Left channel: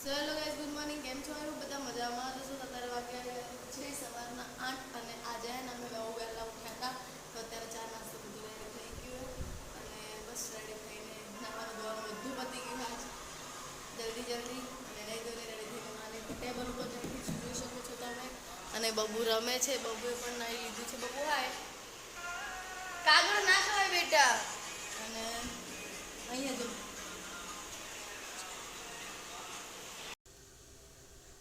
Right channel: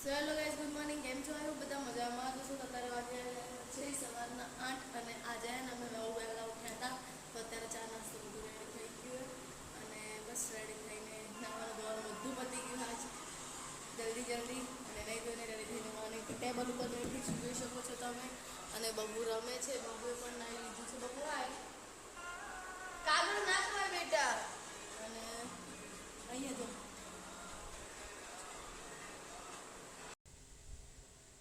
Hello guys, good morning. કેમ છો? બધા મજામાં જશો? અત્યારે વાગ્યા છે સવારના 8 અને આજે અમે બહુ વહેલા ઉઠ્યા હતા. તો અત્યારે ચા નાસ્તો બધું રેડી થઈ ગયું અને બસ રેડી થઈને નાવાનું ધોવાનું બધું પતી ગયું આજ જલ્દી અને નહીં ધોઈને રેડી થઈને માની ટેબલ ઉપર બેઠી છું, જોઈ શકો છો તમે. અને બબુ રમે છે, બબુએ પણ નાઈ લીધું છે. બબુ આય કાગળ ના ખવાય બેટા. અને અહીંયા જો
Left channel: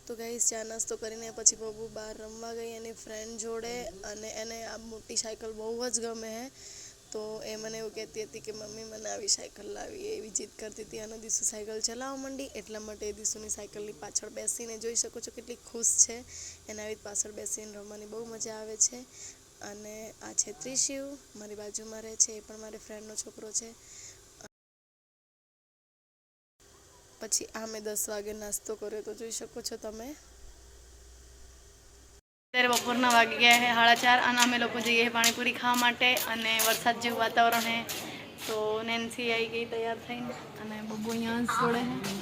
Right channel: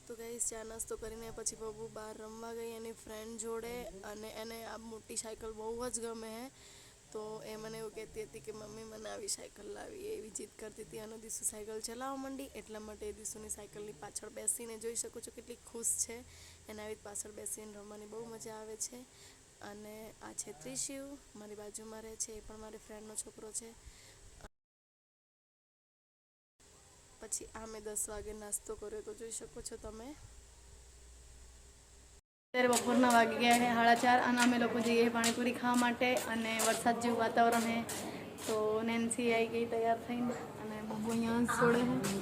તો ગાઈસ, ચા નાસ્તો કરીને પછી બબુ બહાર રમવા ગઈ એની ફ્રેન્ડ જોડે. અને એને આ મોટી સાયકલ બહુ જ ગમે હે. તો એ મને એવું કહેતી હતી કે મમ્મી મને આવી સાયકલ લાવી, એવી જીદ કરતી હતી. અને દીસુ સાયકલ ચલાવવા માંડી, એટલા માટે દીસુની સાયકલની પાછળ બેસીને જોઈ શકો છો કેટલી ખુશ છે. એને આવી પાછળ બેસીને રમવાની બહુ મજા આવે છે. અને આ છે ત્રિશિવ, મારી બાજુમાં રહે છે, એ પણ મારી ફ્રેન્ડનો છોકરો છે. પછી આ મેં 10 વાગે નાસ્તો કર્યો તો જોઈ શકો છો તમે. અત્યારે બપોરના વાગી ગયા છે 4:30 અને અમે લોકો જઈએ પાણીપુરી ખાવા માટે. અને વરસાદ જેવું વાતાવરણ છે તો નેન્સી આવી ગઈ તૈયાર થઈને અને બબુ અહીંયા છોડે છે.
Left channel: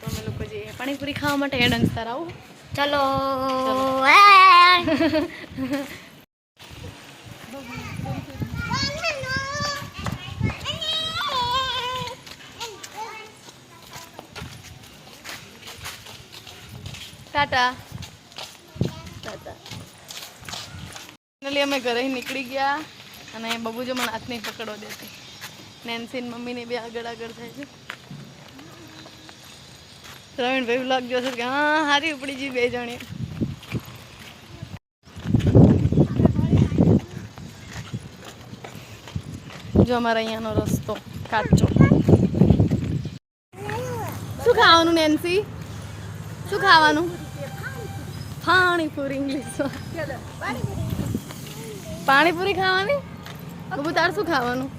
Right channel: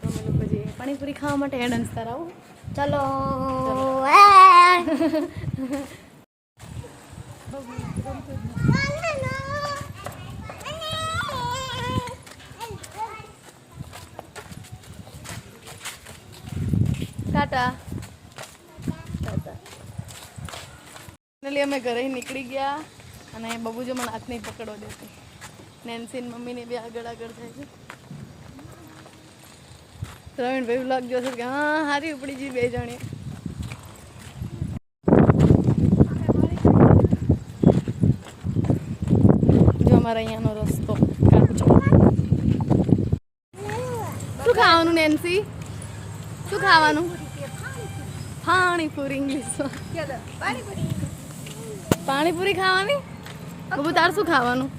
તો અમે લોકો જઈએ પાણીપુરી ખાવા માટે. એડન્સ તાર આવું? ચલો. ટાટા ટાટા. ફાઇનલી અમે ઘરે નીકળી ગયા અને બબુ જો મને હાથ નહીં પકડવા દેતી. નેન્સી મમ્મીને બે આગળ થાય છે. પ્રવીણભાઈ વ્લોગ જોશે કે હા હારી ઉપડી ગઈ બે જણી. જો અમારા અહીંયાનો રસ્તો કાચો. શું ખાવાનું નેન્સી? શું ખાવાનું? પાણીપુરી. પાણીપુરી ખાવાની? બબુ તાર શું ખાવાનું?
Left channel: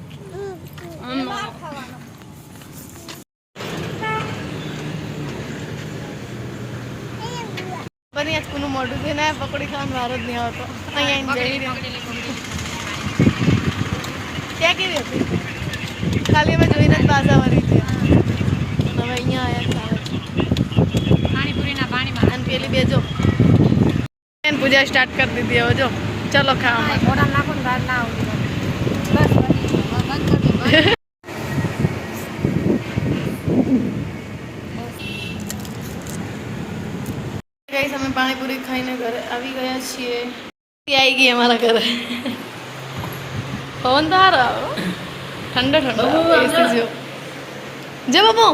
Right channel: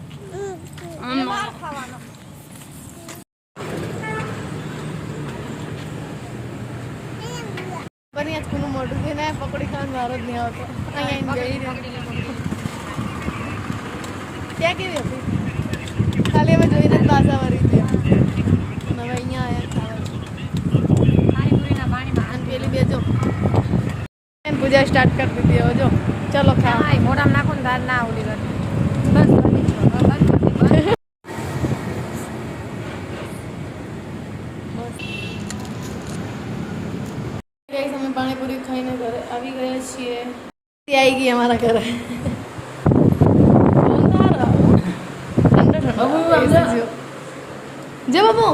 બની આજ કોનું મોઢું છે ને પકોડી ખાવાનું વારો જ નહીં આવતો. અહીંયા ત્યાં કેવી હતી? ખાલી અમે જોઈને જ પાછા વળી ગયા. હવે અહીંયા આવ્યા અને પેલી બે જો પૂજા સ્ટાર્ટ કરી દીધી. હવે જો ચલો ખાવા ગાઈસ, અમે પાણીપુરી ખાઈને ઘરે આવી ગયા છીએ. આવી ગઈ અમારા ઘરે. પવન તો સારો આવો, ઠંડો ઠંડો જો બાબુ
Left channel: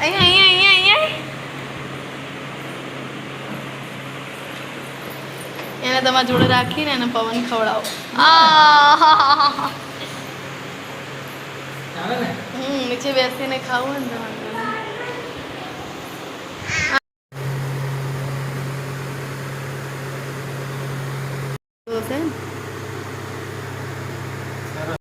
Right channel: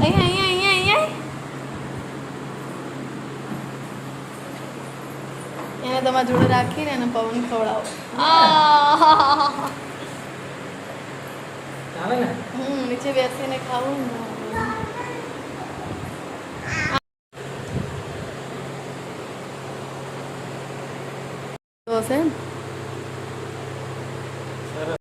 અહીંયા અહીંયા અહીંયા અહીંયા એને તમારા જોડે રાખીને એને પવન ખવડાવો. નીચે બેસીને ખાવું ને તમારે